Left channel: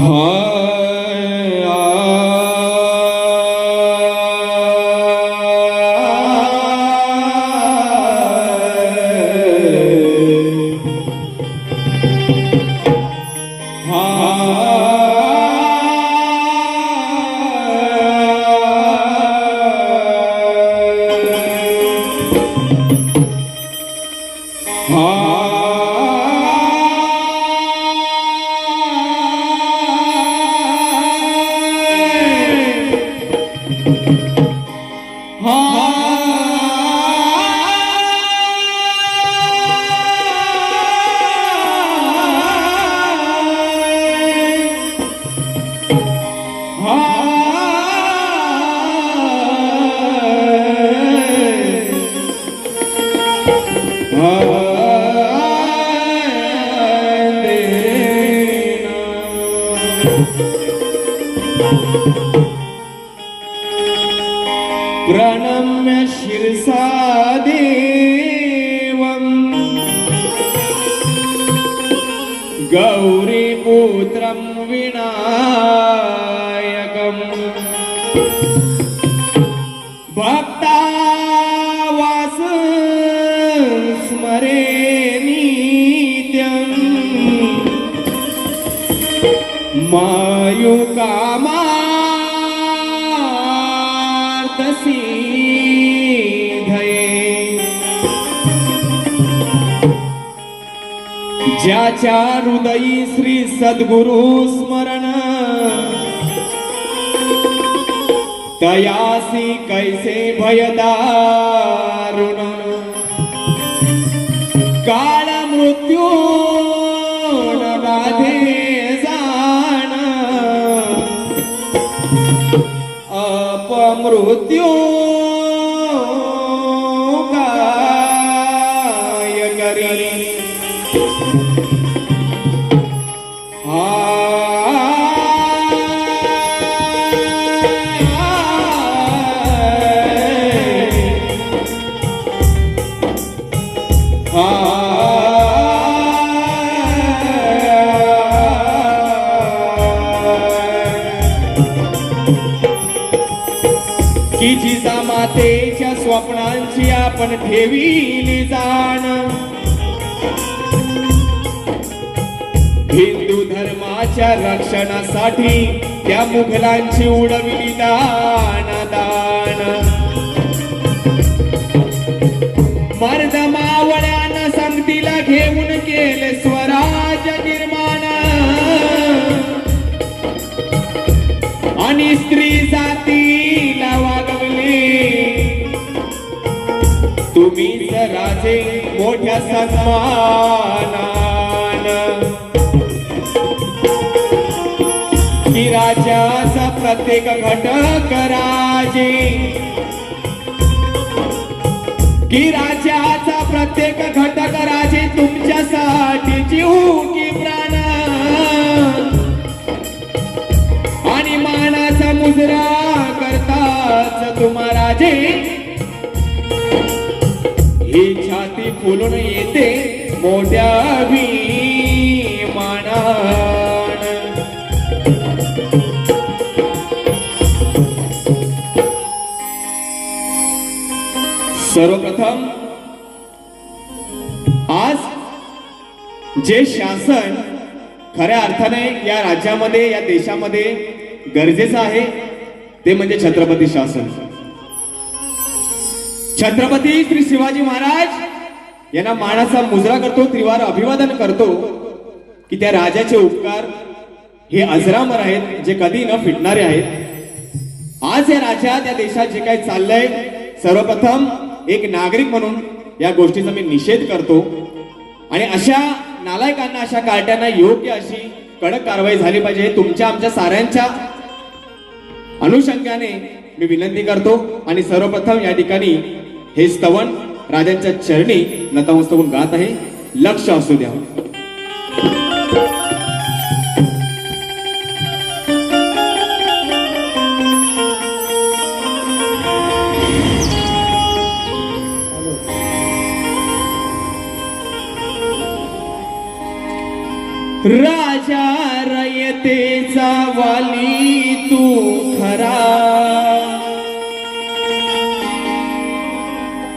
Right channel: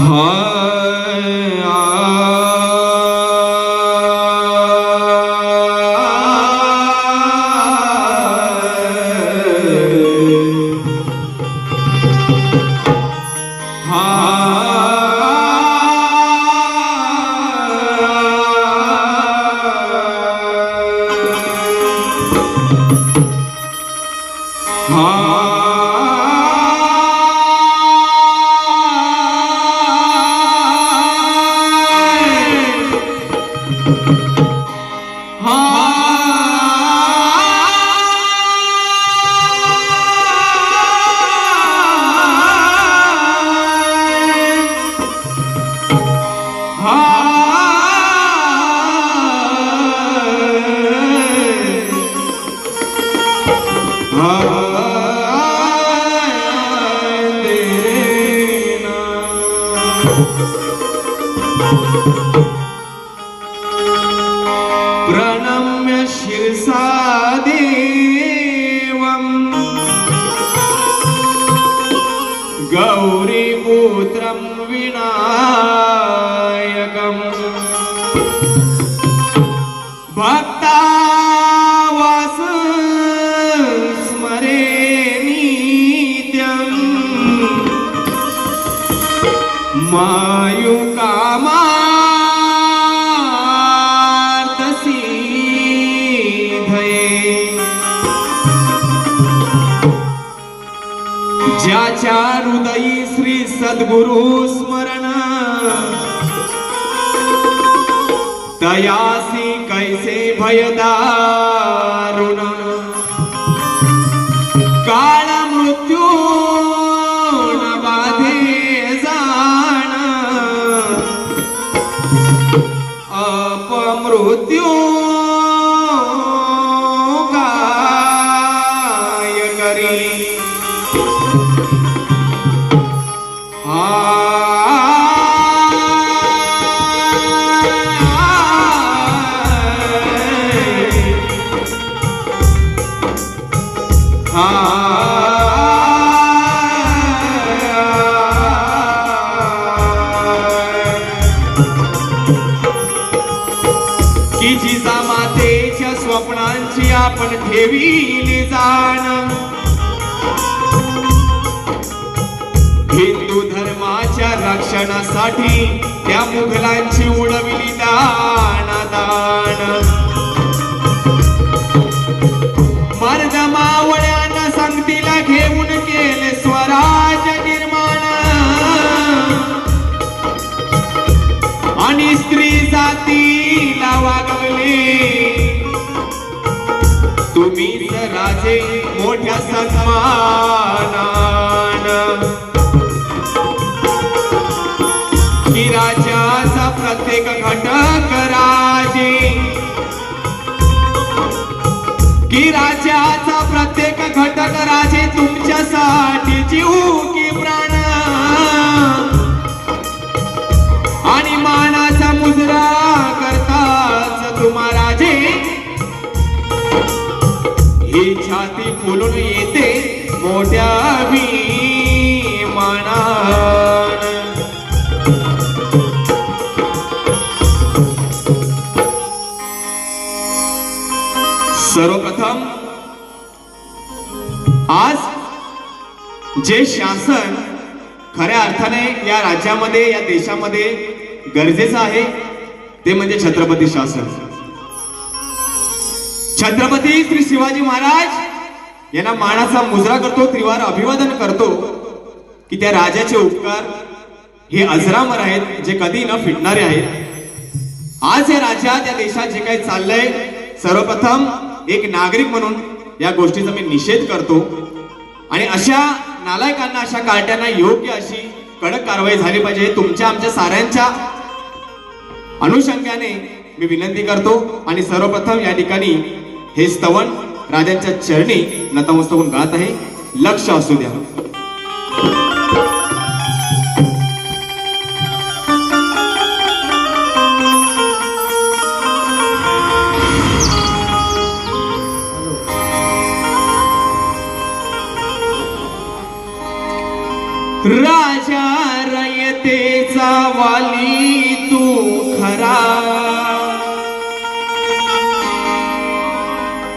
Ah. प्रणम्य शिरसा देवम् गौरीपुत्रं विनायकम् ज्याच्या हृदयी श्री सद्गुरु स्मरण. तयासी कैसे भयदारुण. काळ मृत्यू न बाधे जाण. अपमृत्यू का की जिजामातेच्या स्वप्नांची आपण ठेवी जाण. हिंदू धर्माच्या रक्षणासाठी त्या मुघलांची उडविली दान मोठ्या सन्मानान. की राजाचा प्रत्येक घटक राजे. की राजाचा प्रत्येक घटक राजे. सर्वप्रथम आज जे शासन खऱ्या अर्थाने या राज्यामध्ये या देशामध्ये गरजेचं आहे ते म्हणजे छत्रपती शासन. छत्रपती श्री शिवाजी महाराज यांना मानाचा मुजरा करतो त्रिवार अभिवादन करतो की त्या राजाचे उपकार हे अजरामर आहेत जे कधी न फिटणारे आहेत. आज या राज्यात या देशात जे काही चाललंय सर्वप्रथम एक नागरिक म्हणून या गोष्टीचा मी निषेध करतो. आणि अशा नालायकांना अशा कार्ट्यांना योग्य अशी कडक कारवाई झाली पाहिजे तुमच्या आमच्या साऱ्यांच्या अनुषंगाने मी विनंती करतो. आणि सर्वप्रथम या ठिकाणी हे स्तवन राजांच्या चरणी नतमस्तक गात आहे. लक्ष असू द्या.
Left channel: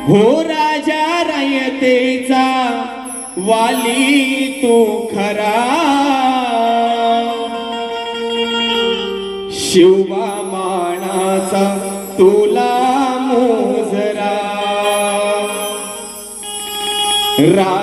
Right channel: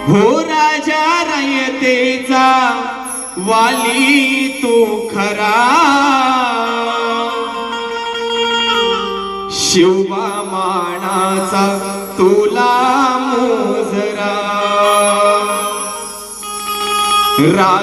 हो राजा रयतेचा वाली तो खरा. शिवबा मानाचा तुला मोजरा. रा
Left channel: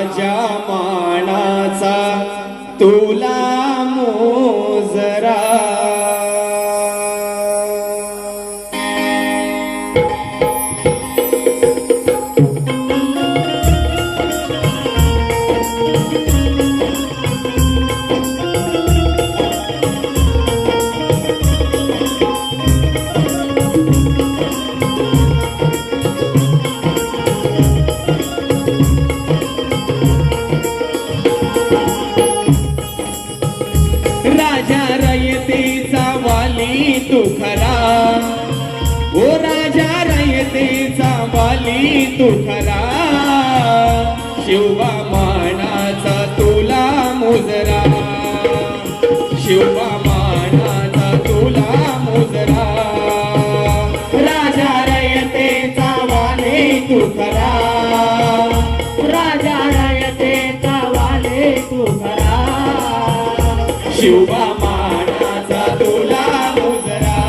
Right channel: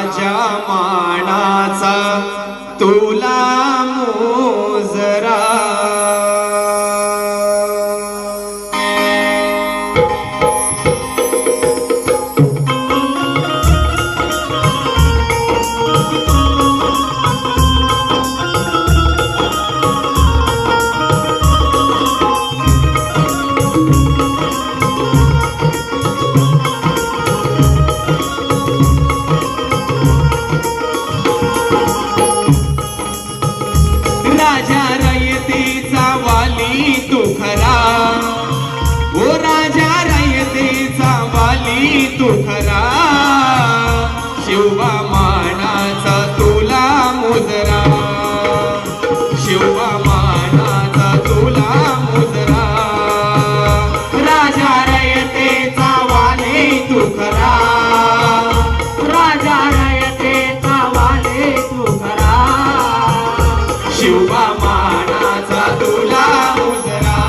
तो खरा. शिवा मानाचा तुला मुजरा. शिवा मानाचा तुला मुजरा. राजा रयतेचा वाले तू खरा. राजा रयतेचा वाले तू खरा. शिवा मानाचा तुला मुजरा.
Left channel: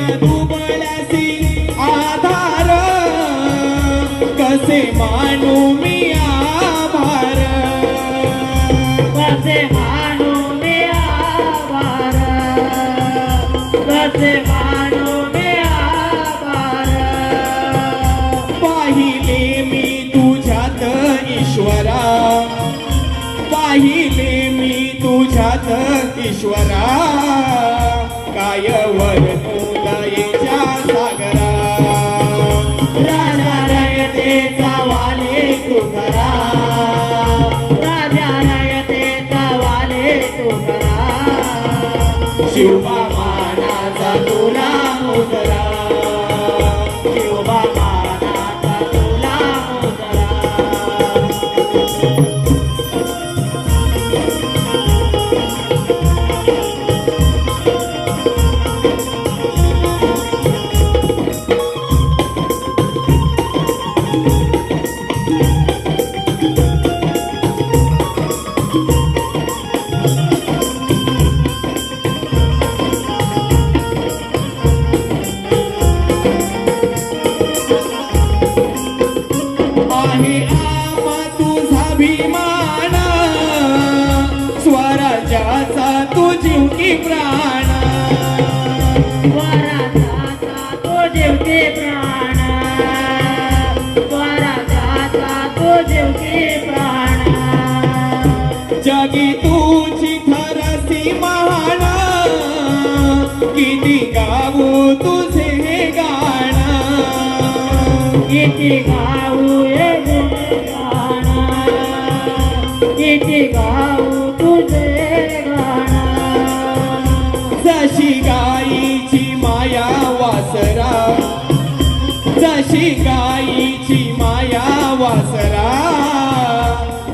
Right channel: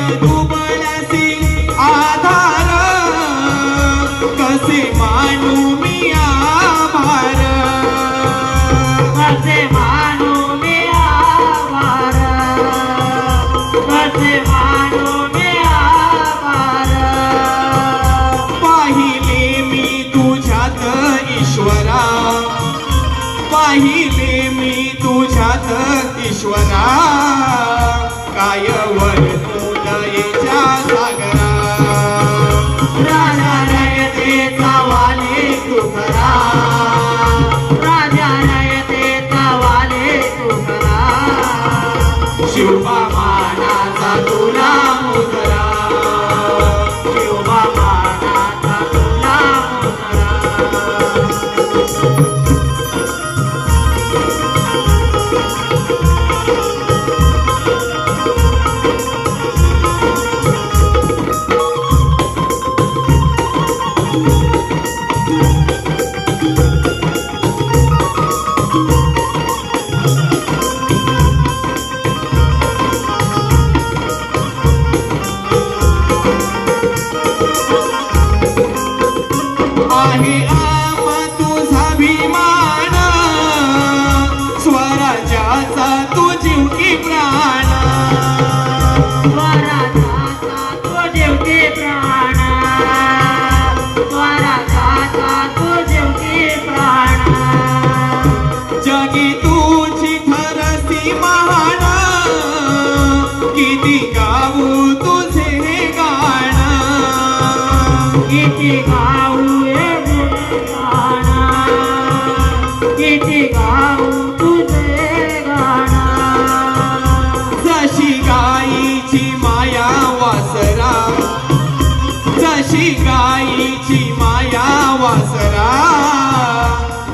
राहिले मी तुझ्यात ईश्वरा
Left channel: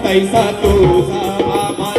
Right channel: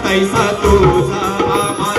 तैसा तुझा आमास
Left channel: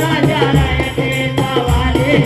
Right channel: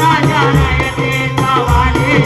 राजा रयतेचा वाले